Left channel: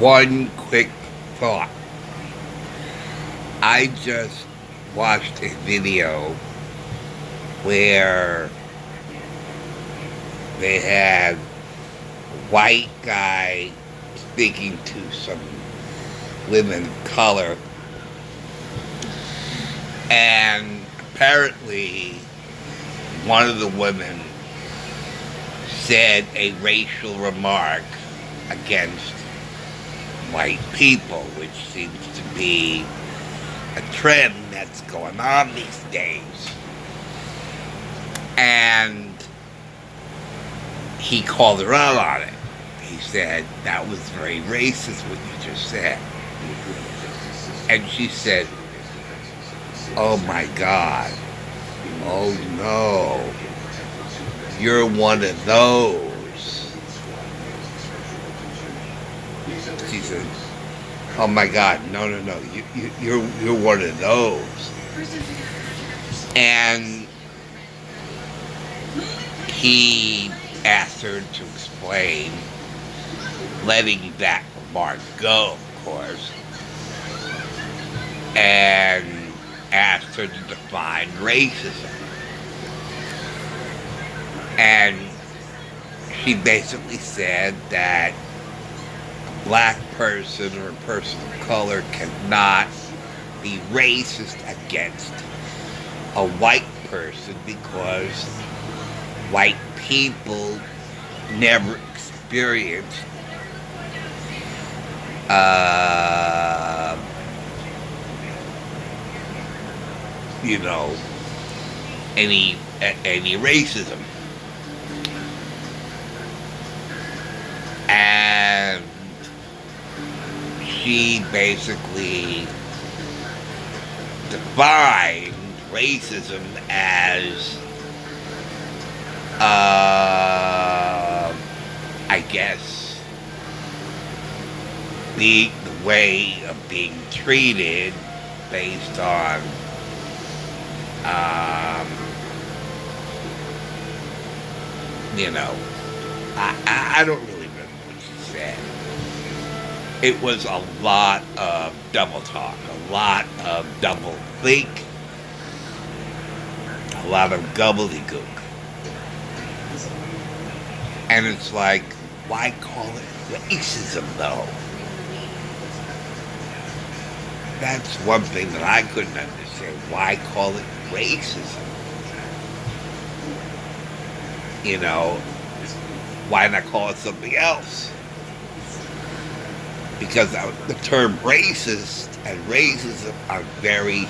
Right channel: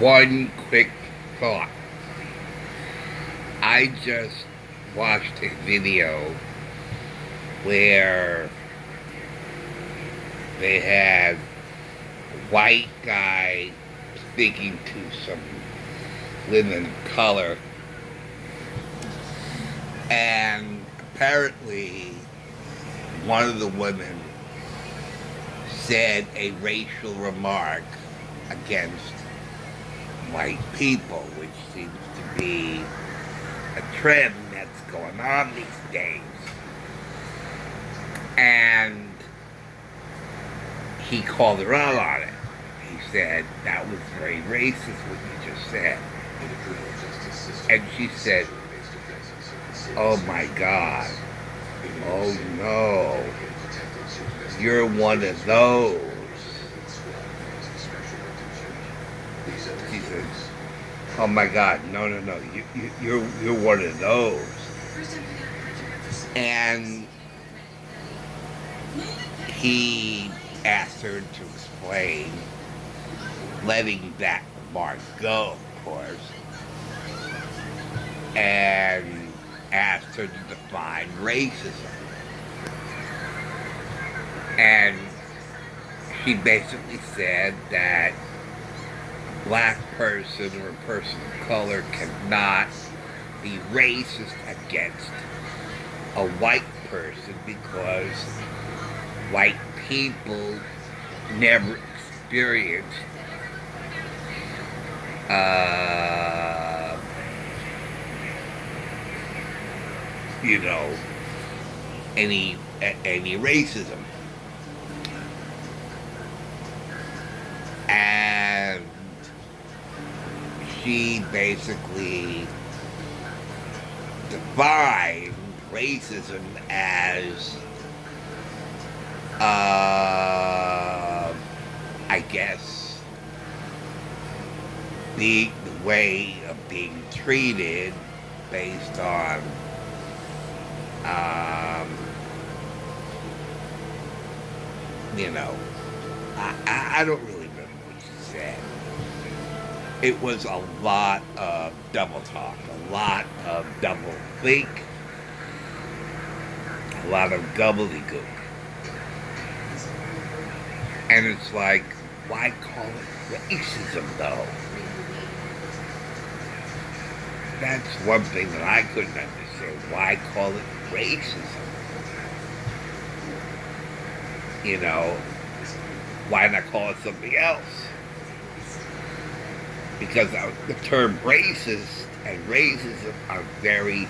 One quick thought. I just watched a video where they had a white guy speaking to some women of color, and apparently one of the women said a racial remark against white people, which seems to be a trend that's going on these days. And he called her out on it. He said, "That was very racist what you just said." And she said, "Oh my God, oh no, you're one of those." She said, "Oh my God, no, you're one of those." And he asked her to explain, letting that remark go, of course, and asked her to define racism. And she basically said that a black person or a person of color cannot be racist against a white person because white people never experienced any racism. And she basically defined racism as I guess the way of being treated based on I don't really remember what she said. It was a lot of double talk, a lot of double think, a lot of gobbledygook. And it's like, why call it racism, though? That's one thing that I couldn't understand. Why call it racism? Why not call it something else? Because the term racist and racism are very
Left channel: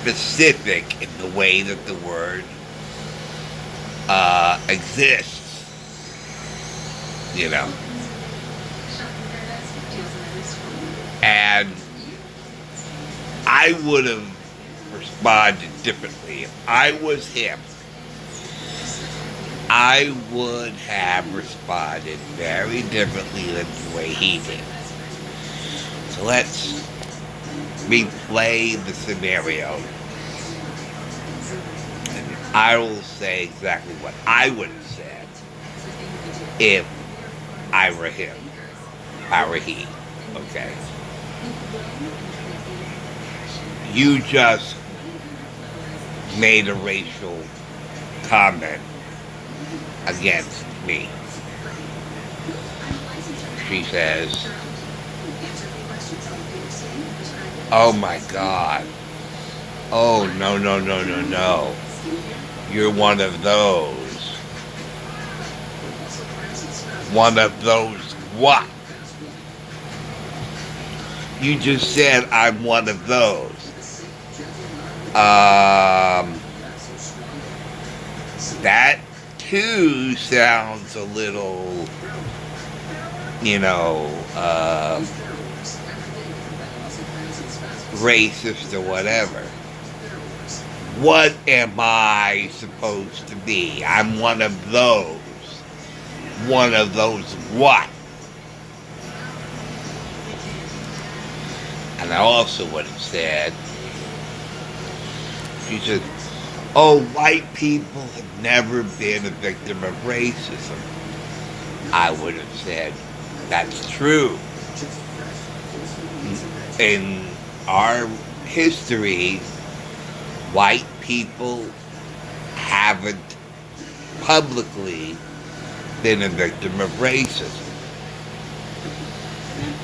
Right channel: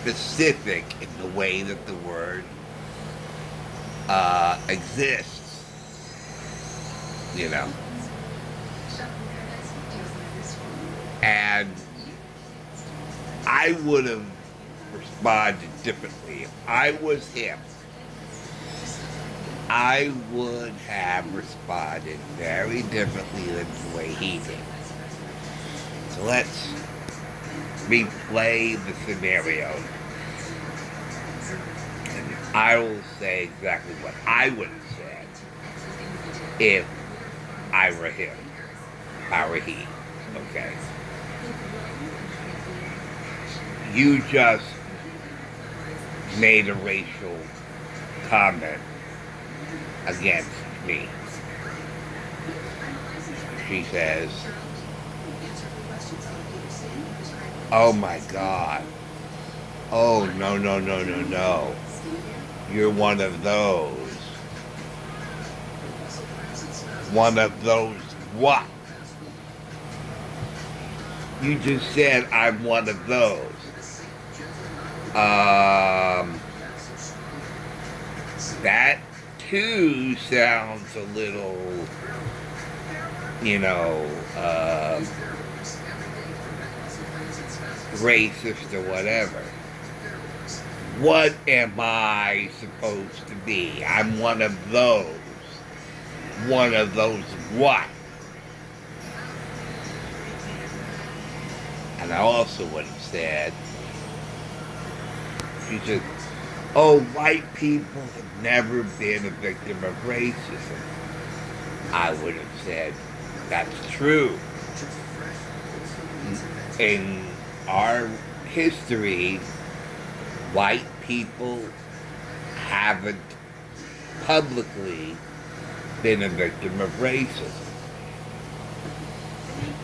specific in the way that the word exists. And I would have responded differently. If I was him, I would have responded very differently than the way he did. So let's replay the scenario. And I will say exactly what I would have said if I were him. If I were he. Okay. You just made a racial comment against me. She says, "Oh my God. Oh, no. You're one of those." One of those what? You just said I'm one of those. That too sounds a little, racist or whatever. What am I supposed to be? I'm one of those. One of those what? And I also would have said, she said, "Oh, white people have never been a victim of racism." I would have said, "That's true. In our history, white people haven't publicly been a victim of racism.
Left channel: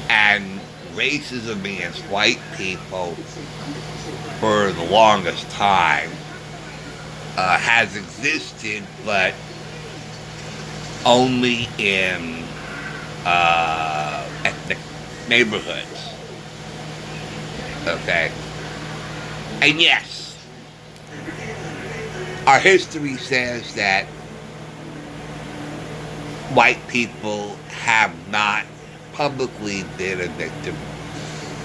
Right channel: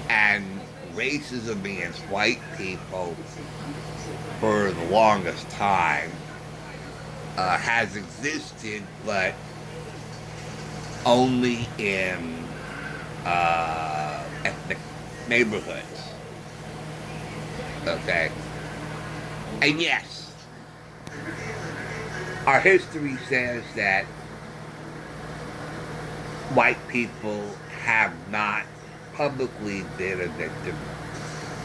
And racism against white people for the longest time has existed, but only in ethnic neighborhoods. Okay? And yes, our history says that white people have not publicly been a victim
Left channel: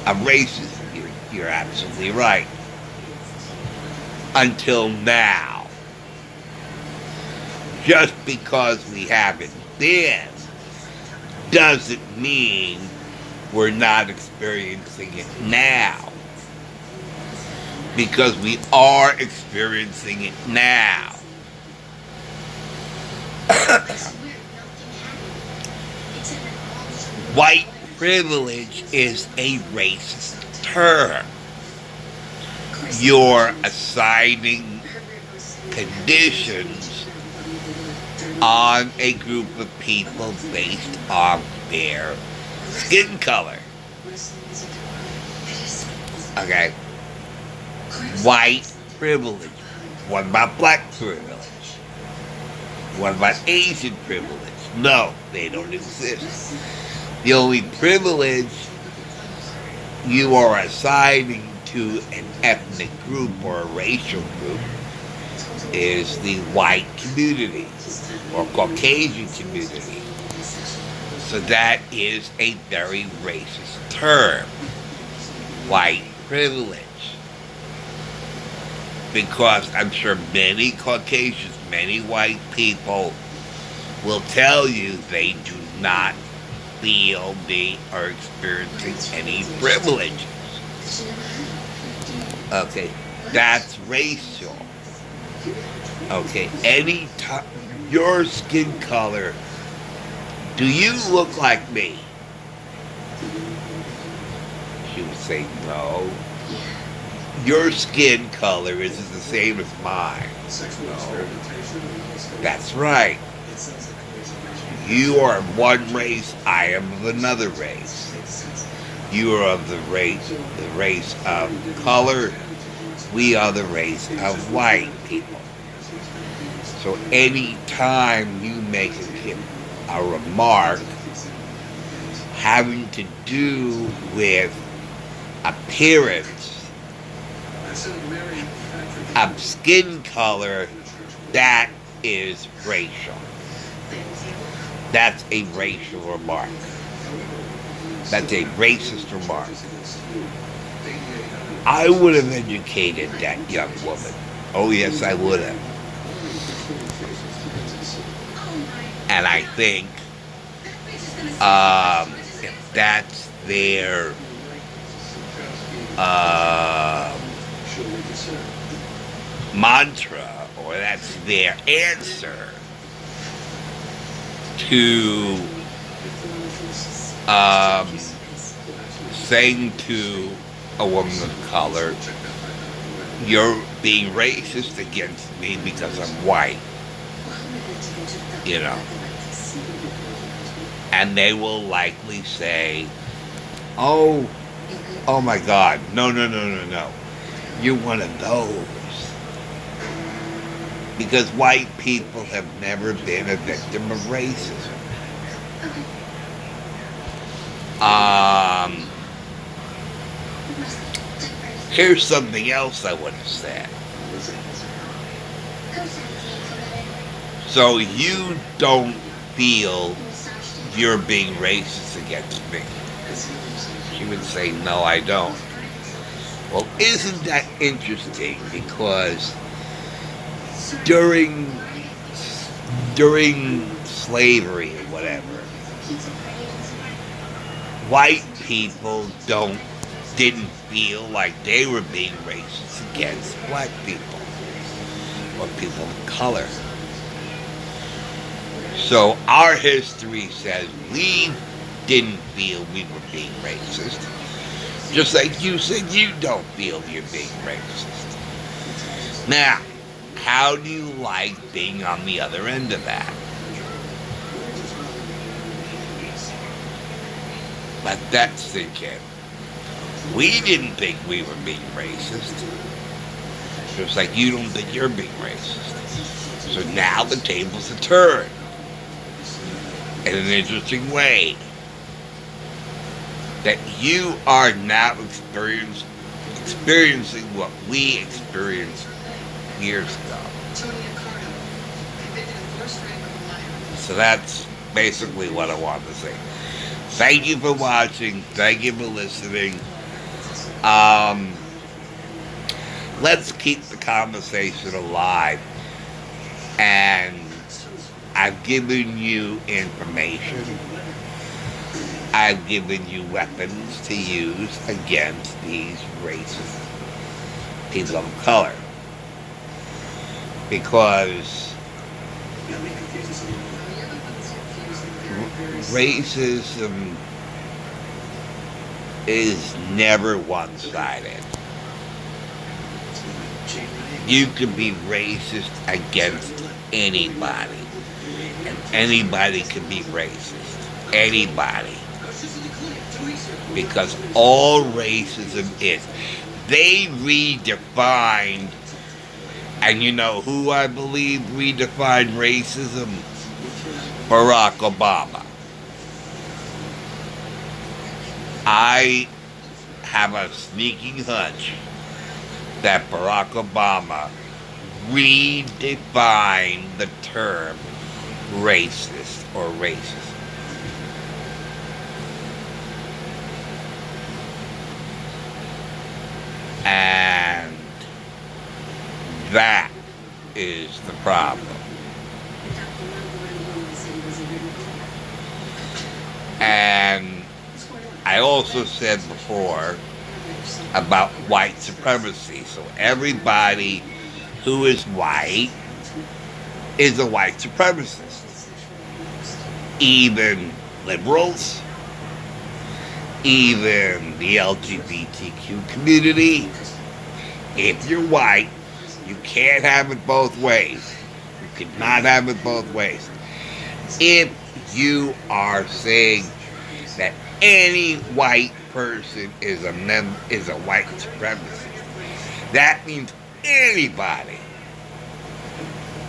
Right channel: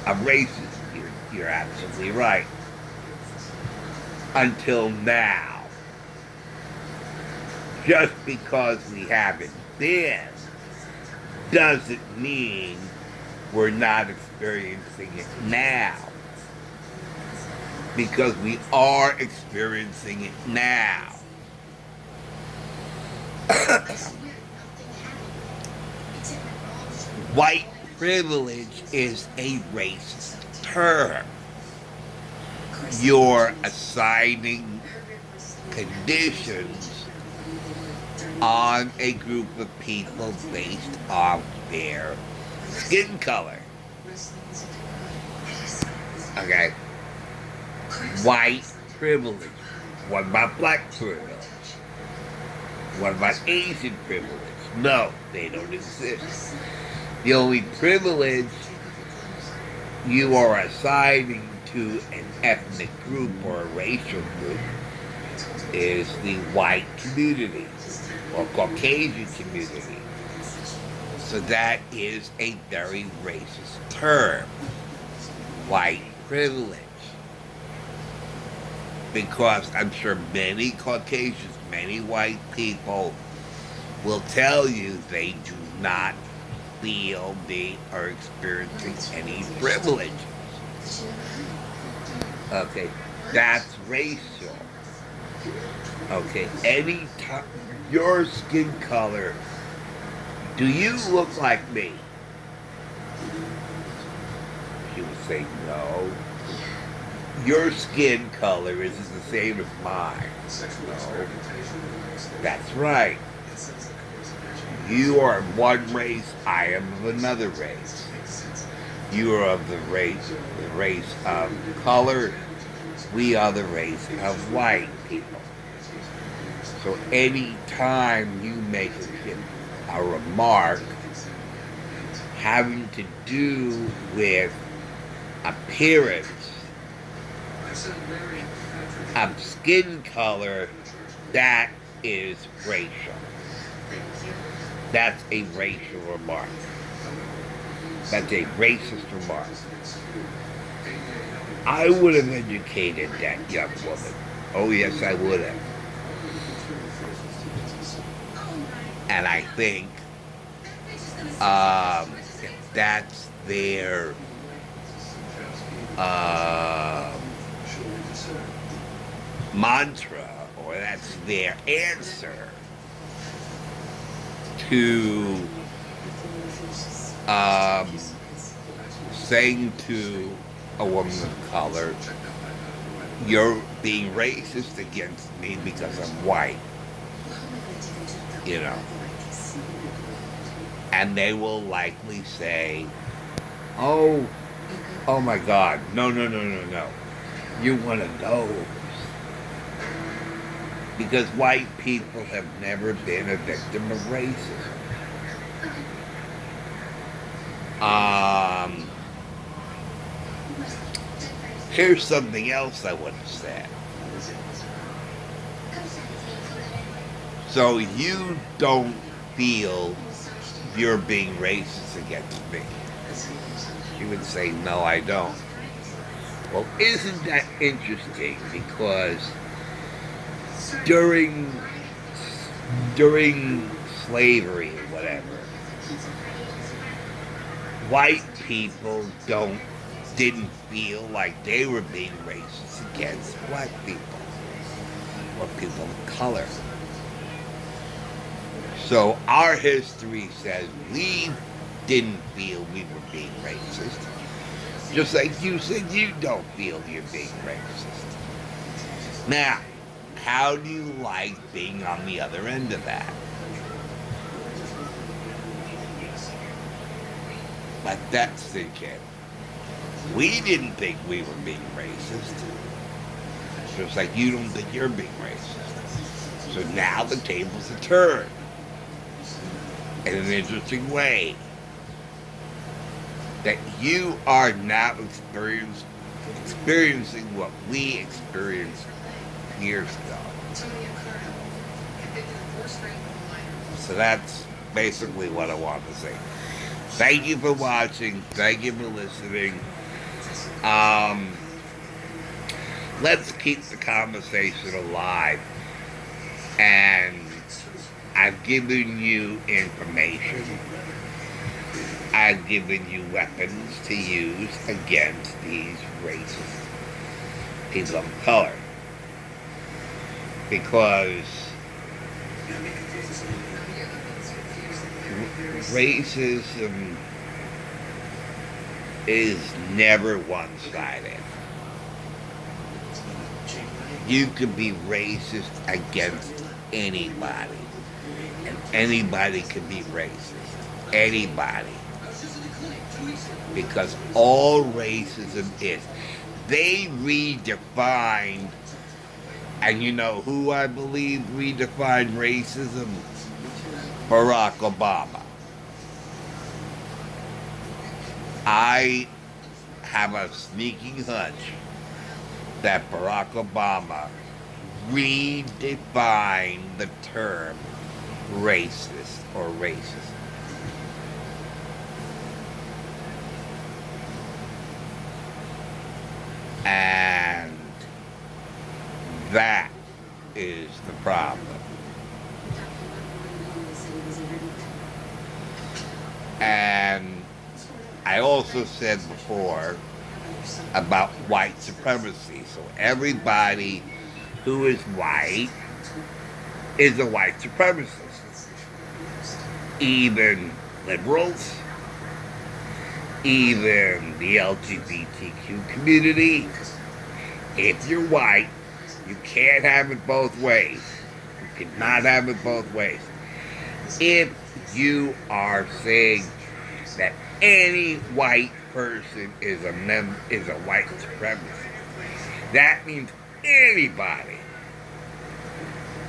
of racism. You're absolutely right. Until now. Just because we haven't been doesn't mean we're not experiencing it now. Because we are experiencing it now. White privilege is a racist term. You're assigning conditions on a group of people based on their skin color. Okay? White privilege. What about black privilege? What about Asian privilege? No, they don't exist. The only privilege you are assigning to an ethnic group or a racial group is the white community or Caucasian community. So that is a very racist term, white privilege. Because I'm sure many Caucasians, many white people will tell you they do not feel they are experiencing any privileges. Okay, that's racial. Okay, any time, your skin color, do you look like me? She would say no. Your skin color isn't the same as mine. No. That's right. You are of one race, I am of another race. You are of the race of color, we are the race of white people. So any time you make a remark having to do with appearance of skin color, that is racial. That's a racial remark. That's a racist remark. I would have educated that young woman. Oh yes, I would have. And I think if that's their mantra, or that's their answer to saying to a woman of color, you're being racist against me because I'm white, you know. And they will likely say, oh my God, no. You're one of those. Because white people have never been a victim of racism. Here's something else I would have said. So you don't feel you're being racist against me? She would say, no, I don't. Well, isn't that interesting? Because during slavery or whatever, white people didn't feel like they were being racist against black people or people of color. So our history says leave didn't feel we were being racist. Just like you said you don't feel you're being racist. Now, how do you like being on the other end of that? Let that sink in. We didn't think we were being racist. Just like you don't think you're being racist. So now the tables are turned in an interesting way. That you are now experiencing what we experienced years ago. So that's basically what I wanted to say. Thank you for watching. Thank you for listening. Let's keep the conversation alive. And I've given you information. I've given you weapons to use against these racist people of color. Because racism is never one-sided. You can be racist against anybody, and anybody can be racist. Anybody. Because all racism is. They redefined, and you know who I believe redefined racism? Barack Obama. I have a sneaking hunch that Barack Obama redefined the term racist or racist. And that is the problem. And I also said before about white supremacy. So everybody who is white is a white supremacist. Even liberals, even the LGBTQ community. If you're white, you can't have it both ways. You cannot have it both ways. If you are saying that any white person is a white supremacist, that means anybody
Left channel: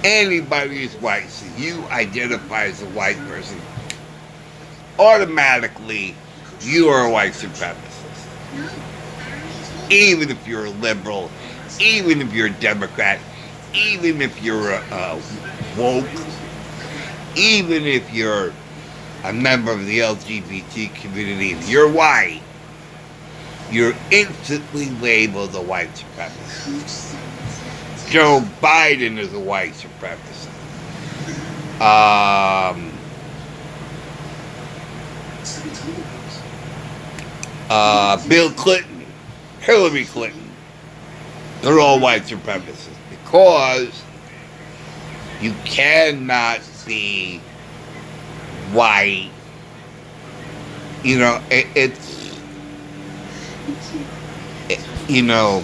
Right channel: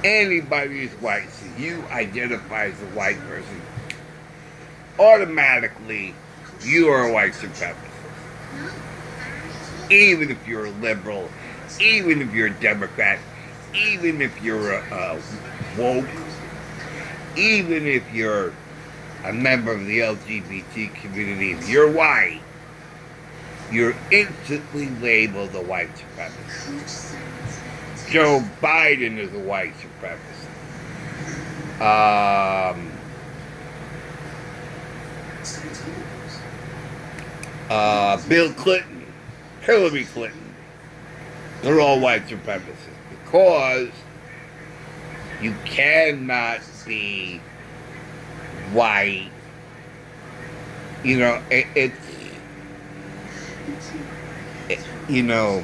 is white. So you identify as a white person, automatically you are a white supremacist. Even if you're a liberal, even if you're a Democrat, even if you're a woke, even if you're a member of the LGBT community, if you're white, you're instantly labeled a white supremacist. Joe Biden is a white supremacist. Bill Clinton, Hillary Clinton, they're all white supremacists because you cannot be white. You know, you know,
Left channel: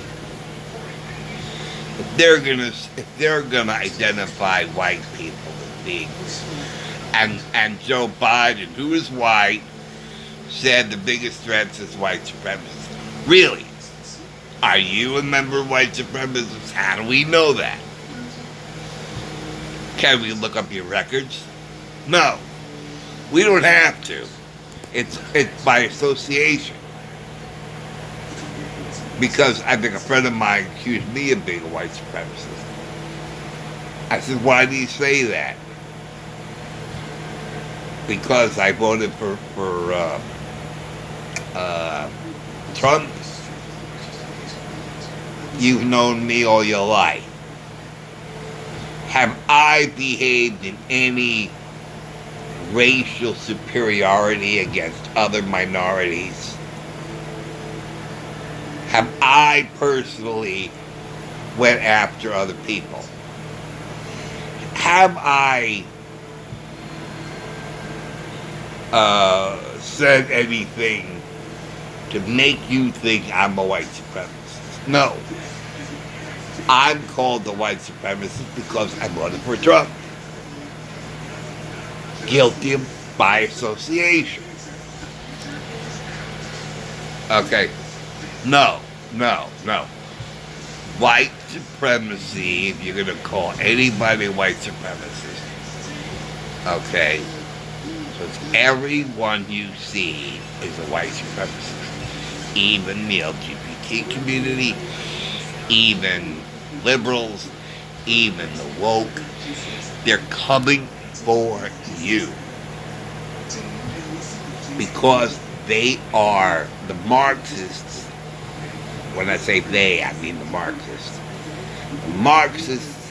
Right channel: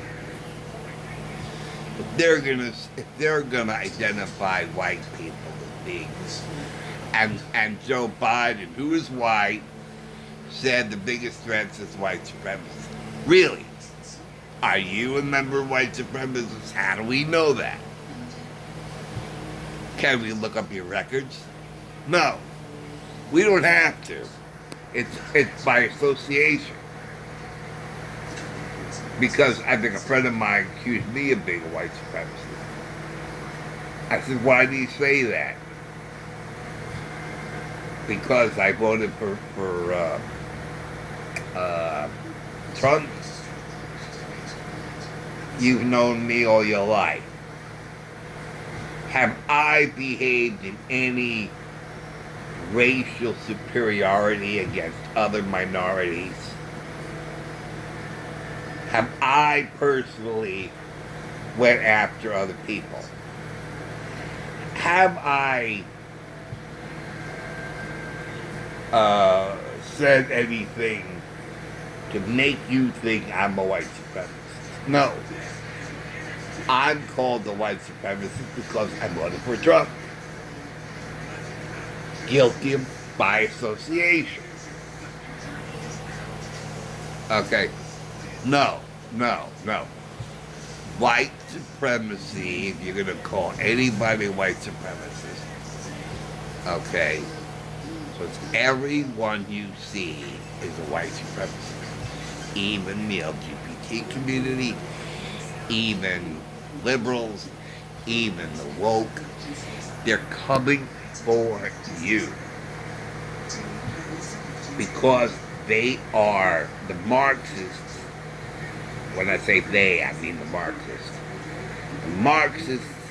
if they're gonna identify white people as being, and Joe Biden, who is white, said the biggest threats is white supremacists. Really? Are you a member of white supremacists? How do we know that? Can we look up your records? No. We don't have to. It's by association. Because I think a friend of mine accused me of being a white supremacist. I said, why do you say that? Because I voted for Trump. You've known me all your life. Have I behaved in any racial superiority against other minorities? Have I personally went after other people? Have I said anything to make you think I'm a white supremacist. No. I'm called a white supremacist because I voted for Trump. Guilty by association. Okay. No. White supremacy, if you're going to call anybody white supremacist, okay, so it's everyone you see is a white supremacist. Even the LGBT community, even liberals, even the woke, they're coming for you. Because they are the Marxists. When I say they, I mean the Marxists. The Marxists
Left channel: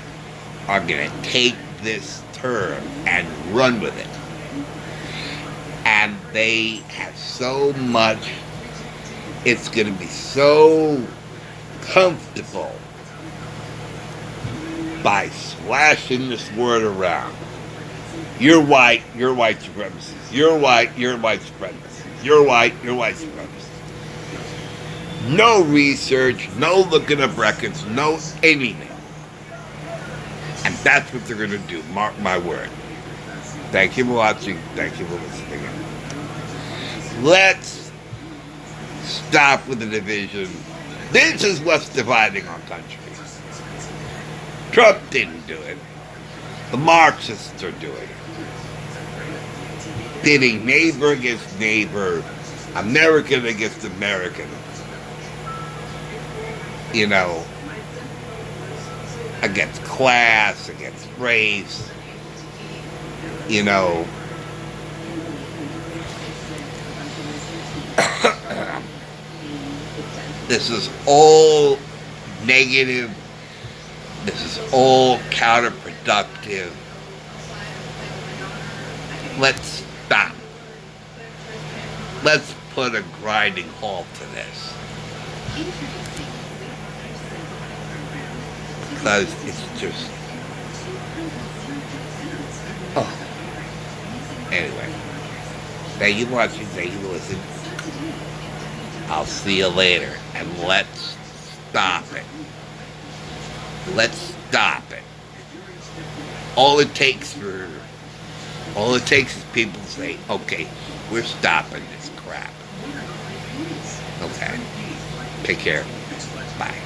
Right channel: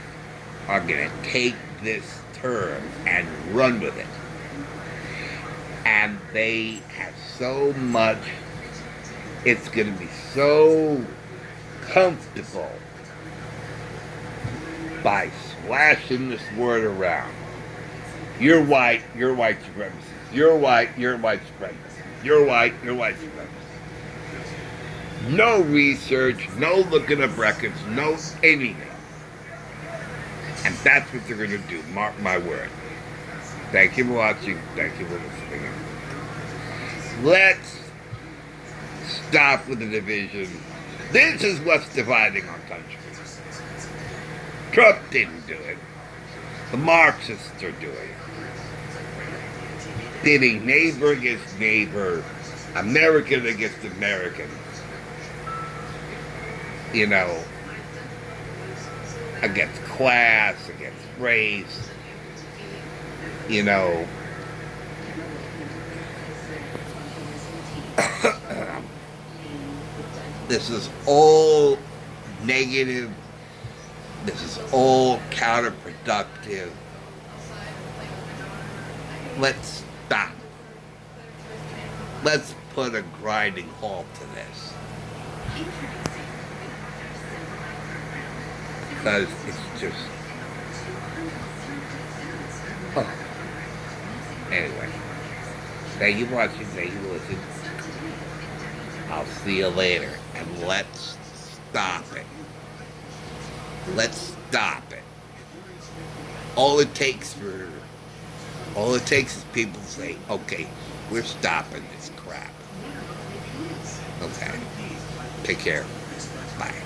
are going to take this term and run with it. And they have so much, it's going to be so comfortable by slashing this word around. You're white supremacist. You're white supremacist. You're white supremacist. No research, no looking up records, no anything. And that's what they're going to do, mark my word. Thank you for watching. Thank you for listening. Let's stop with the division. This is what's dividing our country. Trump didn't do it. The Marxists are doing it. Pitting neighbor against neighbor, American against American. You know, against class, against race, you know. This is all negative. This is all counterproductive. Let's stop. Let's put a grinding halt to this. Because it's just... Oh. Anyway. Thank you for watching. Thank you for listening. I'll see you later. And let's stop it. Let's stop it. All it takes is people to say, okay, we're stopping this crap. Okay. Take care. Bye.